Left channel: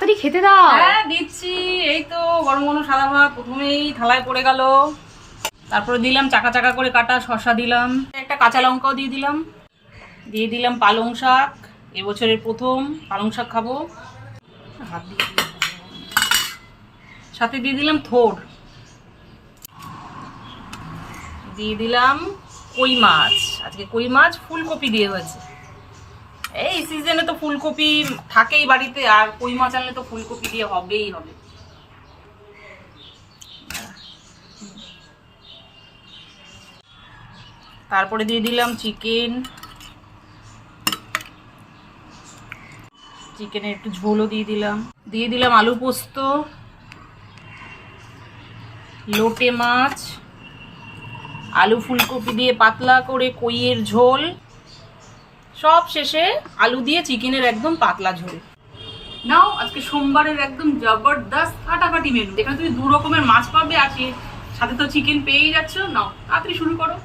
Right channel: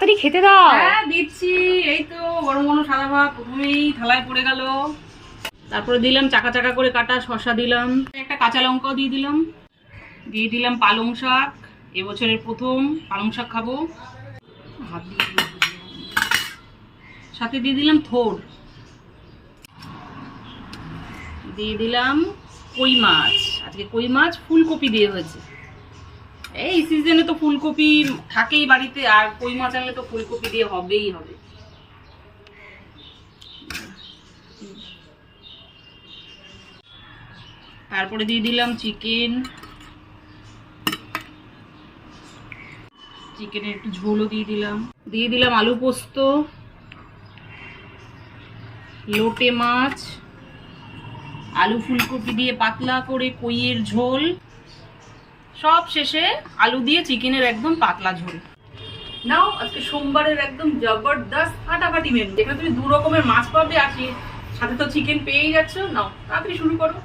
তাড়াতাড়ি খেতে দাও। হ্যাঁ দিচ্ছি, এই তো গরম গরম সাদা ভাত প্রথমেই থালায় পড়ে গেল। তারপরে দিলাম চাকা চাকা করে কাটা শসা, দিলাম একটা কাঁচা লঙ্কাও দিয়ে দিলাম পালং শাক, এবছরের প্রথম পালং শাক খাবো। সাথে দিয়ে দিলাম থোড়, দিয়ে দিলাম কই মাছ। আজকে কই মাছ ফুলকপি দিয়ে হয়েছে। এই সিজনে তো ফুলকপি থাকেই বাড়িতে, আর কই মাছ আনলে তো ফুলকপি দিয়ে হবেই হবে। তারপরে দিয়ে দিলাম চিকেনের একটু ঝোলও দিয়ে দিলাম আলু পোস্ত, লোটে মাছ, আলু ফুলকপি দিয়ে পাতলা করে কইয়ের ঝোল, সব শেষে আলু দিয়ে চিকেনের একদম পাতলা ঝোল। নাও আজকে সোমবারের একদম জবরদস্ত ফাটাফাটি মেনু। এখানে তুমি 2 রকমের মাছ পাবে, আর সাথে তো চিকেন পেয়েই যাচ্ছ। নাও তাড়াতাড়ি শুরু করো।